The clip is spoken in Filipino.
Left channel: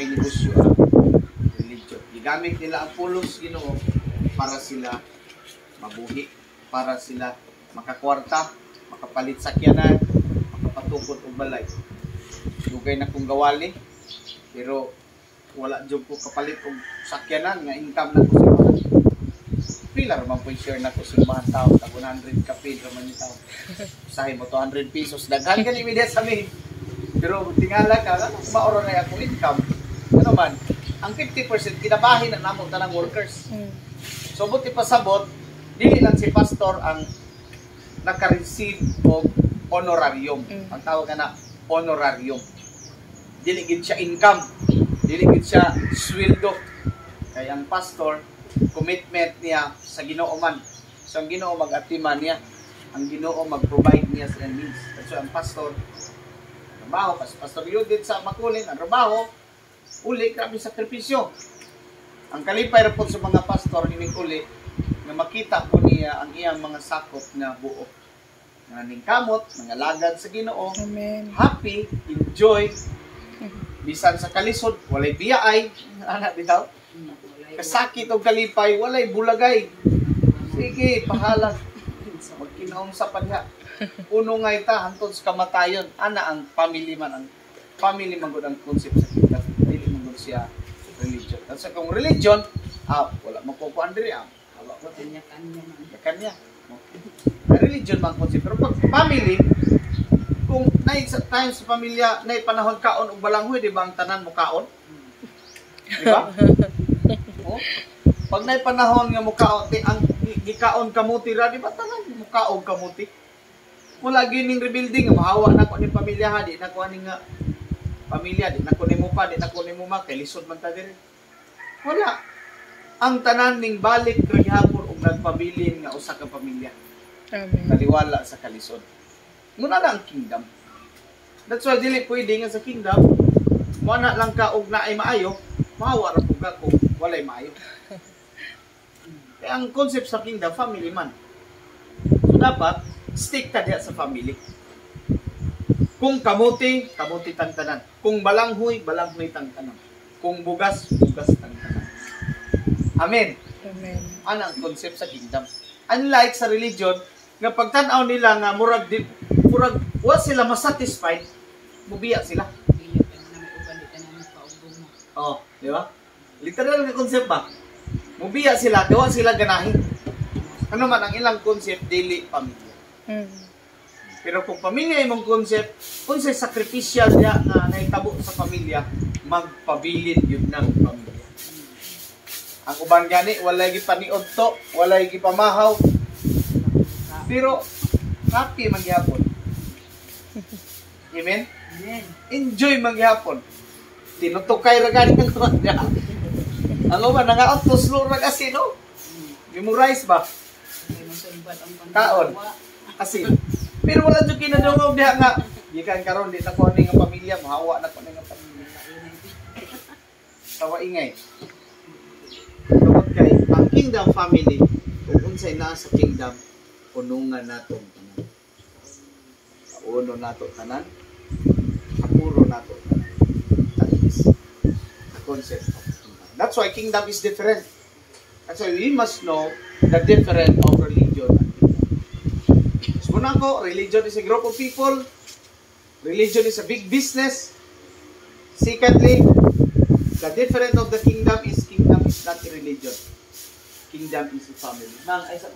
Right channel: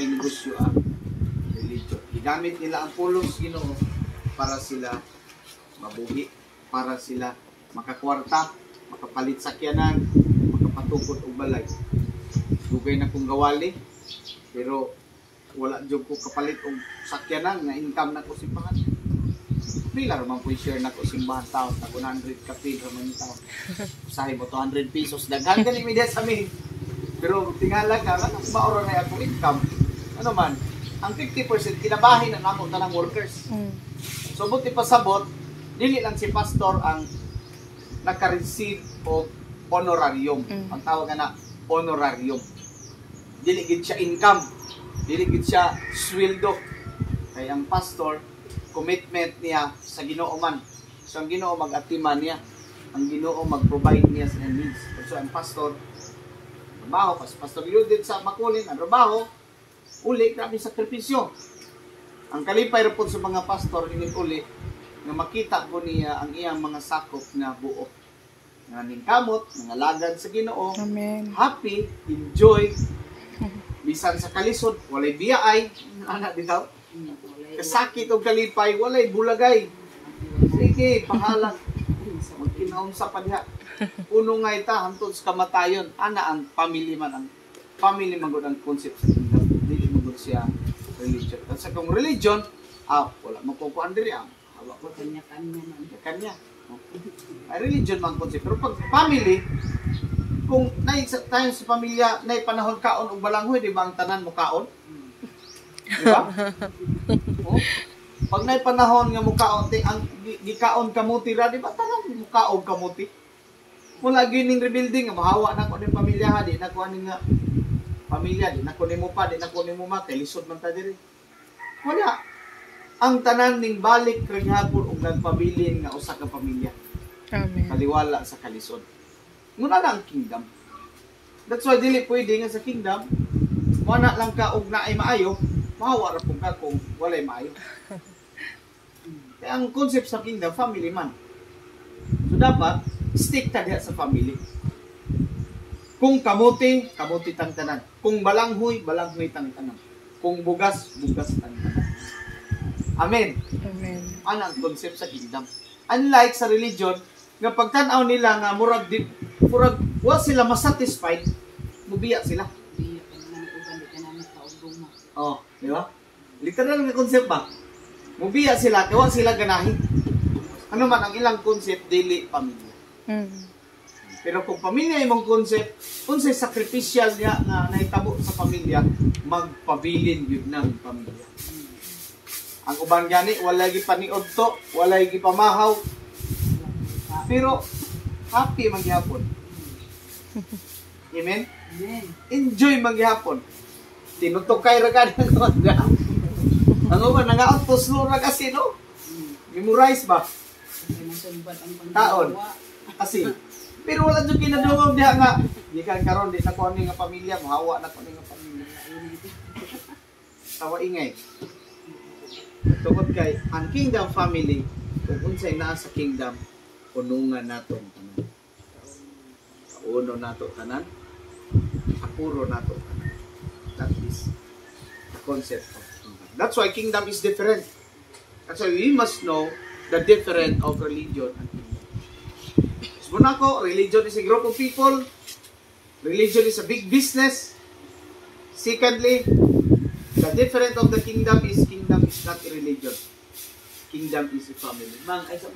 kay negosyo ang religion. Gigamit nila ang pulos Ginoo para sila mabuhi, para sila makakwarta, makapalit sakyanan, makapatukod og balay. Dugay na kong gawali, pero wala jud ko kapalit og sakyanan nga income na ko sa mga. Pila man po share na ko simbahan tao, tag 100 ka pil ra man ni tao. Usahay mo 200 pesos daghan gani media sa amin. Pero tingala ka, maoro na ako income. Ano man, ang 50% kinabahin na namo tanang workers. So buti pasabot, dili lang si pastor ang naka-receive og honorarium. Ang tawag na honorarium. Dili gid siya income, dili gid siya sweldo. Kay ang pastor commitment niya sa Ginoo man. So ang Ginoo mag-atiman niya, ang Ginoo mag-provide niya sa needs. So ang pastor trabaho, pastor Yudin sa Makulin, ang trabaho uli grabe sakripisyo. Ang kalipay ra po sa mga pastor ining uli nga makita po niya ang iyang mga sakop na buo. Nga ningkamot, mga lagad sa Ginoo. Amen. Happy, enjoy. Bisan sa kalisod, walay biyaay, ana bitaw. Kasakit og kalipay, walay bulagay. Sige, pahalang. Magkinaom sa padha. Uno nga ita, hantod sa kamatayon. Ana ang family man, ang family man gud ang concept sa kita. Dili man gud siya religion. At sa kung religion, wala magkukuan diri hawa ko Kanya-kanya man. kanya. Religion man concept. Pero pag family, kung nay sa time sa pamilya, nay panahon kaon og balanghoy, di ba ang tanan mo kaon? Di ba? Oh? Pag nay panahon nga mo kaon, ang gikaon kamuti ra, di ba tanan mo kaog kamuti? Mula gining rebuilding, mahawa na ko ni pamilya ha, di na ko ani nga pamilya, di na ko ni mo pa, di na ko ni mo ma, kay lisod man ta diri. Wala. Ang tanan ning balik ra gihapon og nagpabilin nga usa ka pamilya. Amen. Kaliwala sa kalisod. Muna na ang kingdom. That's why dili pwede nga sa kingdom, wala lang ka og naay maayo, mahawa ra pud ka kung walay maayo. Kaya ang concept sa kingdom, family man. So dapat, stick ta diha sa family. Kung kamuti, kamuti tang tanan. Kung balanghoy, balanghoy tang tanan. Kung bugas, bugas tang tanan. Amen. Amen. Ano ang concept sa kingdom? Unlike sa religion, nga pagtanaw nila nga murag wa sila masatisfied, mubiya sila. Biya ka na uban di ka na paugong mo. Oh, di ba? Literal nga concept ba? Mubiya sila, diwa sila ganahin. Ano man ang ilang concept, dili pamilya. Pero kung pamilya imong concept, unsay sacrificial niya nga nahitabo sa pamilya, magpabilin yun ng pamilya. Ang uban gani, walay gipaniod to, walay gipamahaw, pero happy magyapon. Amen? Amen. Enjoy magyapon. Tinutukay ra gani ko niya. Ang uban nangaot to slow ra kasi no. Memorize ba? May masulbat ang Taon. panggawa. Asin. Pero wala jud kinadungog diha nga. Gikan karon di na ko ani nga pamilya, mahawa na ko ni nga pamilya. Tawa ingay. Tungod kay ang kingdom family, kung unsay naa sa kingdom, unungan natong tanan. Kauno nato tanan, apuro nato tanan. That is the concept of kingdom. That's why kingdom is different. That's why we must know the difference of religion and kingdom. So muna ko, religion is a group of people. Religion is a big business. Secondly, the difference of the kingdom is not a religion. Kingdom is a family. Man, ay sa